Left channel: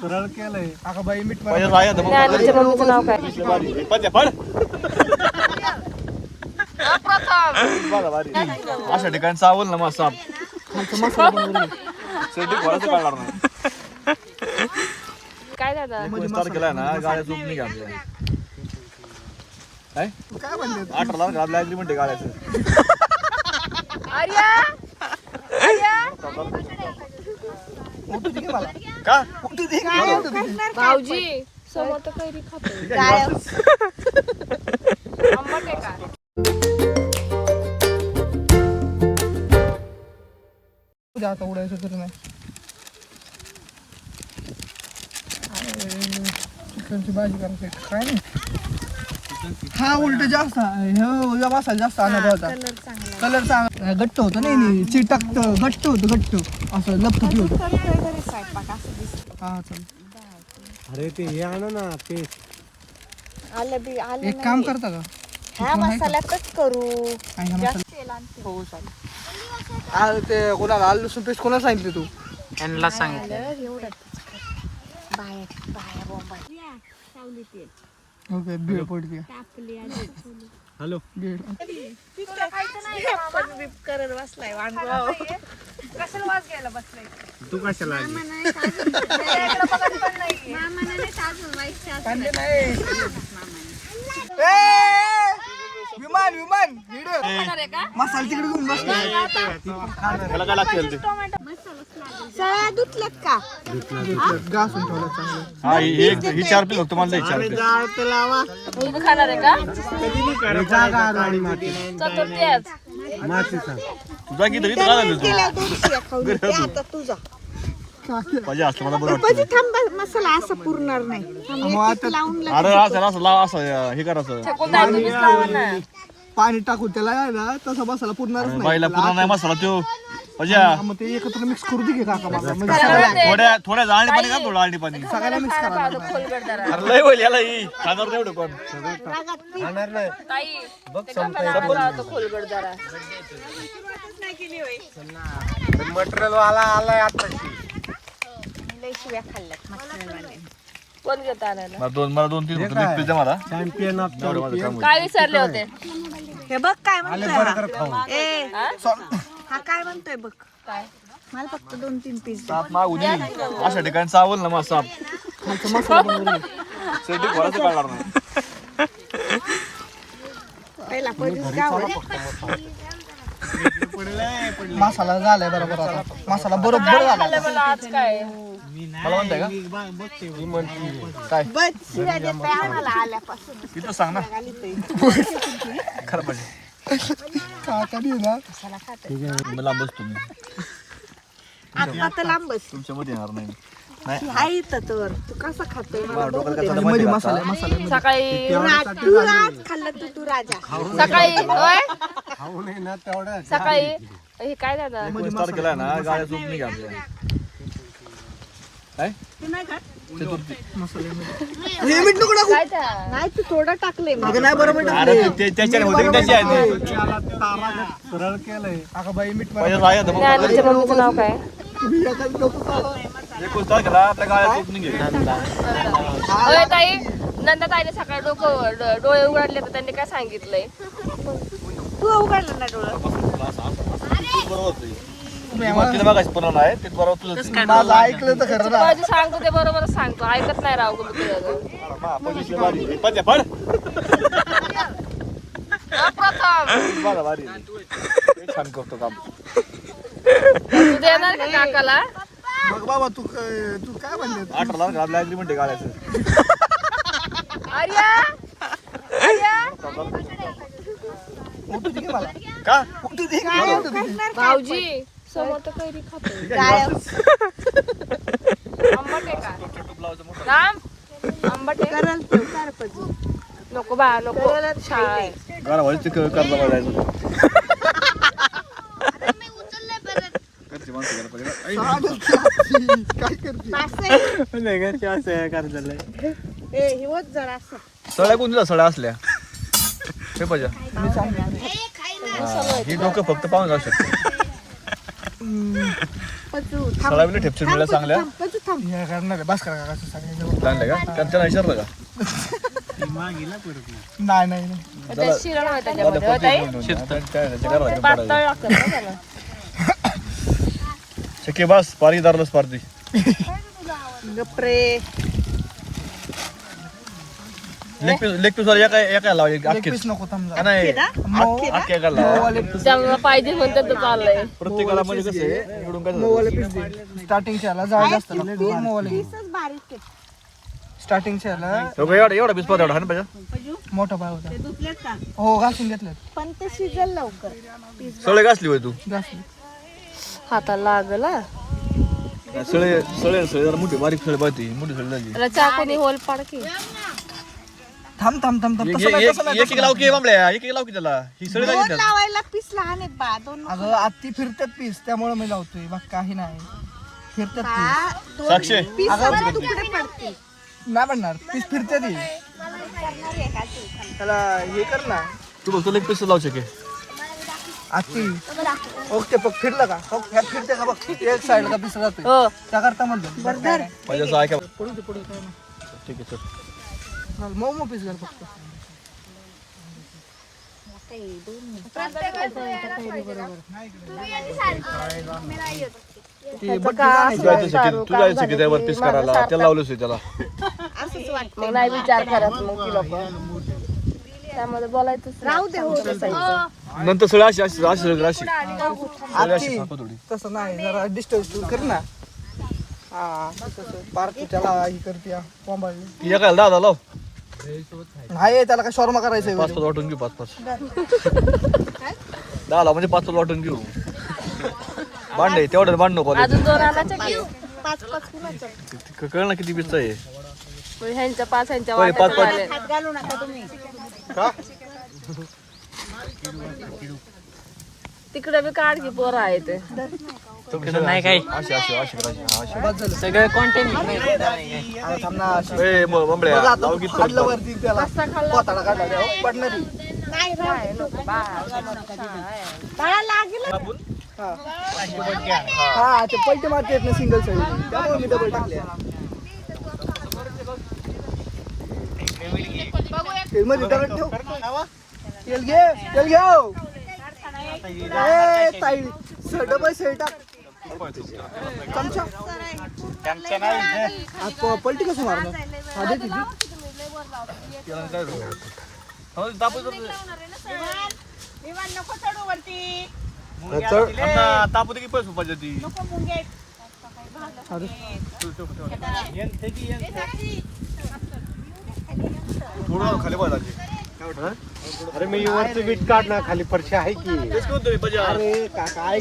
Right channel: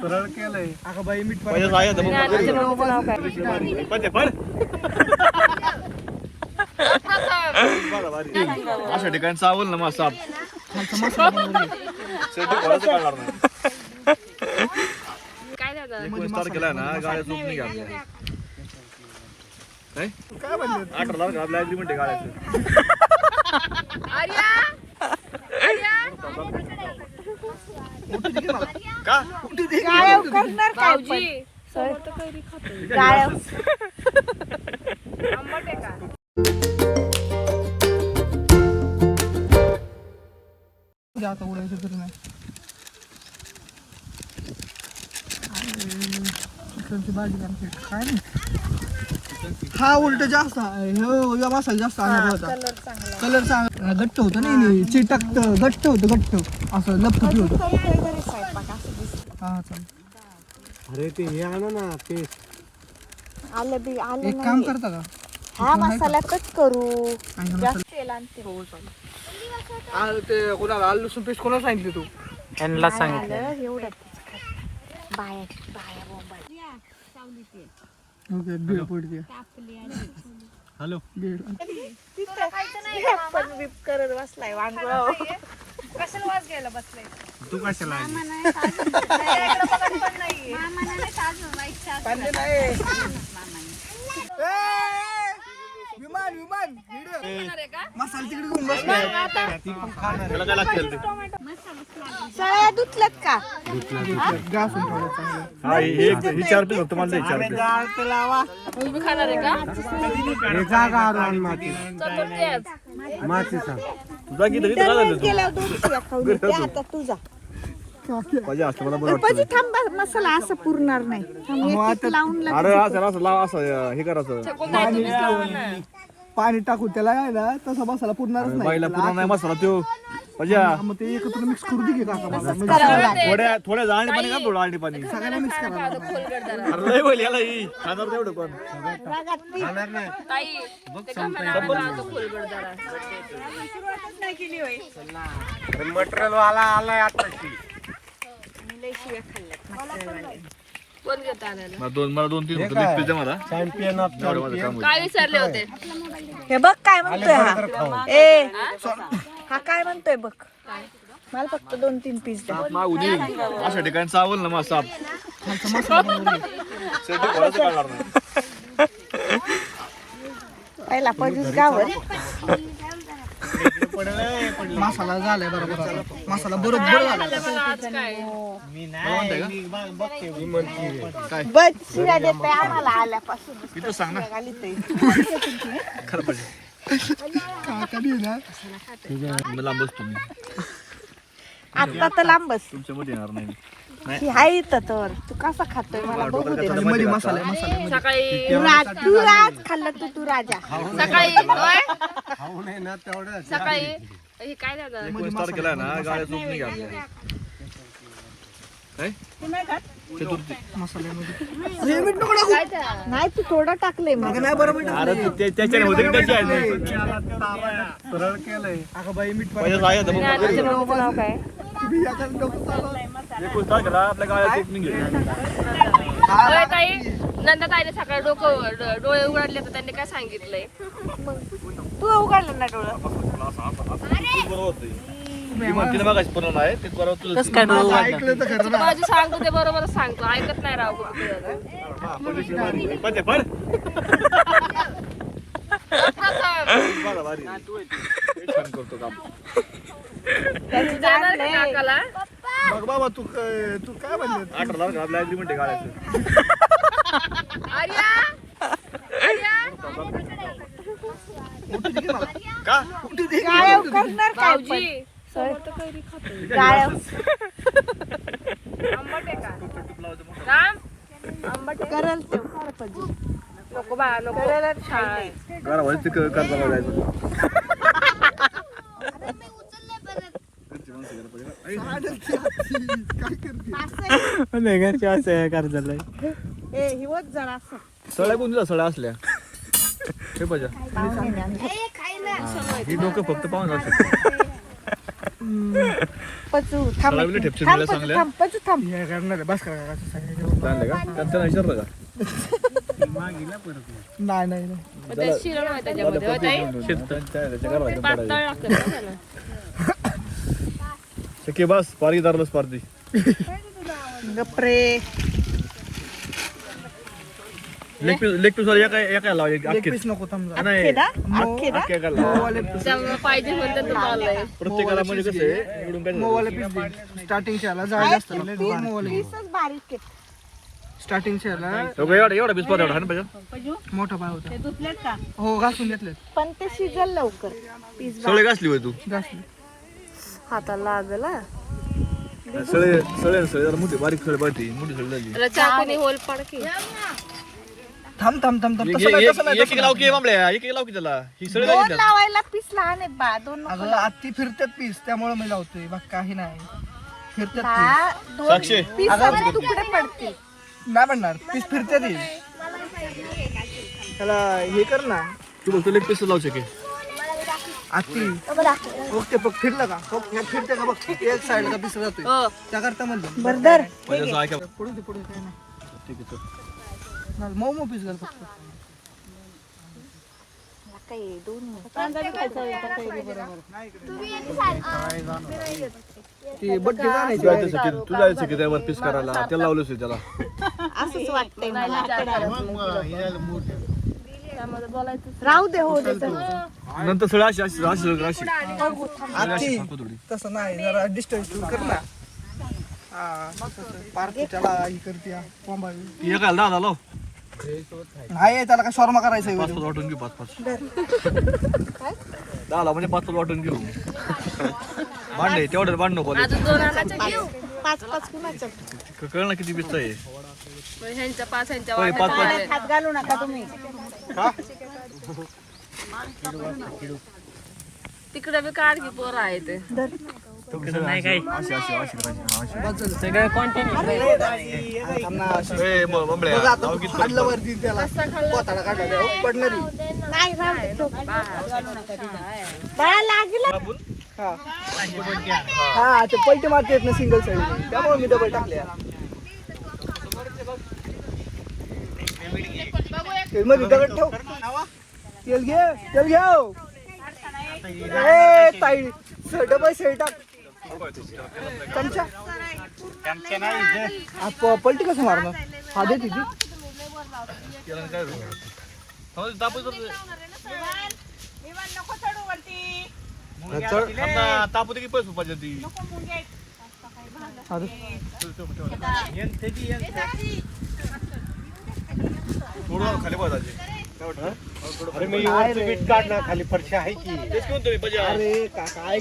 सरळ केलंय अगं बाई मीठ अशा ठिकाणी चावल ना मस्त काय झालं केलाय ना गाड्या चूक नाही घातल्या काय काय म्हणले 18 आपल्या अग्रीमेंट आहे गाड्याचं का भाऊजी समोर तर कैरी खातोय आंबट आहे का आता उडायचं तर नाही भाजी करायची काय नाही हा उलट जास्त ह्या मसाला जास्त आणायचा होता कलर चांगला घट्ट होतं नाही चिटकत घट्ट होतं घट्ट असं लपटुपी होतं हा चालेल अरे ते हे आणा ना ते एक काम करता का हा मसाल्यातच करू आणि हा मसाला ते कोणाला आलू लसूण पेस्ट कोणाला सांगितली तू त्यांना सांगितलं एवढं बाया बाया बॉम्बा ओके बीड पडते हॅलो बीड तुला खायचं नाही का मामा? कशाला वास घ्यायला बसलाय तू कशाला आली? त्याच्याकडे बघत पण नाहीये विमान विमान मसाला तिकडे घेऊन बसला त्याला काय लागते सगळ्या धुतलत का घासून ठेवलं चांगलं हा ही 4 पीस होतं मला 4 पीस तुम्ही खाणार आहे का जागा आणि माती चतुर्थी आज माती सांग तुझा किती इथं काय झालं गेल्या दिवशी खाऊ दे, आता तुझा पाहिजे असलं मला बरं पण थांबा मसाला असं पुरणार नाही मग आता लावून अरे असं लाव असं हे करायचं पाणी टाकून त्याला आहे ना तसा मसाला पुरणारच नाही बाईला पुन्हा नाही मसाला तो म्हणजे मग ते एकत्र मिक्स करू दे की काका मला म्हणजे सगळ्याला थोड्या जाळणी पाणी का थोडं आळणी पाणी सगळ्याला मिक्स करायला लागणार. अरे लय होईल याला ही खाणार तेवढं कोण खाणार नाही ताई ते कसा तो खोलगड जरा अरे मटेरियल वाला आलाय आता शिव्या खाल्ल्यात मसाल्यावाले कोण घेत आणायला मला 2-3 होतं पिझ्झा मला चॅम्पियन ऑफ चॅम्पियन काय विचारले होते हे बघ काय म्हणतोय हा. ए हा काय म्हणतोय बघ काय मला फक्त 2-3 पीस द्या. मागून येईल अशा ठिकाणी चावल ना मस्त मसाला बनवून शेवटी कोणाचं काढणार नाही पहिला पडून जावं मसाला झालाय बरोबर आता. मसाला बरोबर झाला मला आज काय बघते मी म्हणते बस शिव्या देते आम्हाला आल्यापासून तिथं सांग ना काका बी ना मला बसतो मी आता तर लांब बस तुमच्या मध्ये येणार नाही ही आहे इथं तर तू कसा खातोय मला बघू दे. मध्ये मसाला मसाला सकाळी तू आज खाल्लं तर तू राजा सकाळी होय? खाऊ नये ना तेवढं सकाळी हे काय झालं स्टार्ट केलाय ना गाड्या चूक नाही घातल्या काय हे मीठ नको टाकू नाही तू थोडं टाकलंय अगं नाही बरोबर अरे त्याच्या होते त्याची आहे सरळ केलंय अगं बाई मीठ ज्ञानूच्या मम्मीचं नाव काय आपल्या गाड्या चूक नाही घेतल्या होय ताई नंदा ताईने सकाळी डोळे उघडले तर त्यांनी काय सांगितलंय तू उघडलं ना डोळा पुन्हा नाही ते बरोबर तुझं ऐकलं तर खरं ना माझी सांगतो ते बरोबरच सांगतो ऐकत नाही राव छान करतो काम तू देणार का काकाला बघ बाबा तू काय म्हणले 18 आपल्या अग्रीमेंट आहे गाड्याचं का भाऊजी समोर तर कैरी खातोय आंबट आहे का राम आंबट आहे करल तू कर पाहिजे नको बा नको छान गाडा व्हायचं कर्ज बघायचं काय करते घरच्या असं कर झालंय ए हिवत जरा असं सळ्या कोणत्या सळ्या असल्या हे पाहिजे हे डोकं फक्त पाहून जाऊ शकतो सळा बिले ठेपसून दिल्या चांगल्या हे करणार आहे, बस करा काका सांगायचं चांगल्या का त्यांना विचारलं का नाही नाही नाही. मग ते शिरण होतं त्याच्यामध्ये, हो ताई? पातळ लागतं ना त्याला. शक्य बस पारी दारलं स्पर्धी गप्रे लेग पीस वाला एका लावली एक अख्खीच. पीस नको थांबला नाही अख्ख्या एका लाव. मोवाले पीस त्यामुळे पाहिजे म्हणते तर चाललंय. प्रत्येकाला म्हणजे कसं आहे इकडून काय झालं? मोवाले पीस दे. स्टार्टिंगच्या ह्याला जाळ जास्त लागतो मोवाले पीस. स्टार्टिंगच्या ह्याला एवढा पीस एवढा हाण पाहिजे मोठा पाय होता हो घासून घेतलं पण ते शिजल लवकर सळे घासली होय तू जास्त हाताला लागला. सळे सळे सळे जरा मोठी बारीक सळे पाहिजे मोठी सळे झाली त्याला चाकूने होल पाड की. थांब तसं नाही तसं नाही एक एक लाव की बांबल्या एक एक लाव की त्याला ही सळे दोन लागली लावायला पीस लहान आहेत बा दोन अगं आत्ती फिरतात पीस त्यामुळे मी लावतोय बघ काही नाही फिरतात पीस साक्षी पीस अगं तुकडे पडतील नाही म्हणणार पीस फिरतात ही. त्याला हे कर ना तू बघ लेग पीस लावू शके आत्ती ओके बघ फिरला का हो ह्यात फिरते का बघ एक साईडला पीस जातोय हो. त्याकरता म्हणलं बरं माझ्या असं ऐका पुढे काय नाही ठीक आहे चल घाल, मऊ मऊ पीस घाल फक्त ते बड्डे आणायचे. तुझ्या शके त्यावर पीस करायला त्याला लावलंच आहे त्याला मग नाही विचार करायचं मग तुला पण. त्यामध्ये बोलायचंच नाही. राहू दे हो दे नंतर सळे अशी अशी अशी अशी आत्ती तसं नाही जरा डिस्टन्स तू कर ना हा तसं पार्टी त्याला ही करते कोंबाळी ती एका दहा लाव नाही त्याला काय शॉर्मा करायचंय पाच पाच वाटून घेऊ पाच पाच दहा लाव म्हणजे पाच पाच वाटून घेऊ भांडे तेवढं भांड नको अजून 2 आणायचं की? 5-5 कुणाचं कळ ना किती पिस्त आहे मग ह्यांच्या 5 ह्यांच्या होय, पाच- वाट्यात पाच. आले. हात घालू नका तुम्ही तिकडे बी काढ की पोरं आहे ते. नाही काय अशी अशी अशी करायची अशी बस झालं सगळं कॉन्टेंट हा, थांब ना अशी. ए बंबड्या बघ आता तू खाल्लं वरती त्याला पोताला काढला त्या पडणारी बाळा लागलं हा ते पलटे मारते ना सिंगल साईड त्यामुळे मी डबल टाकले मध्ये दगड ठेव तेल घे ए ताई डबल साईड टाक चमचा पलटी कसं मारणार हा दे तिथे तापू की पैसे पाहिजे ती अरे थोडं खाली पाहिजे अरे मी वरती बीट काढ ना खाली फरशी आहे की तेच म्हणतो मी पाहिजे अरे काय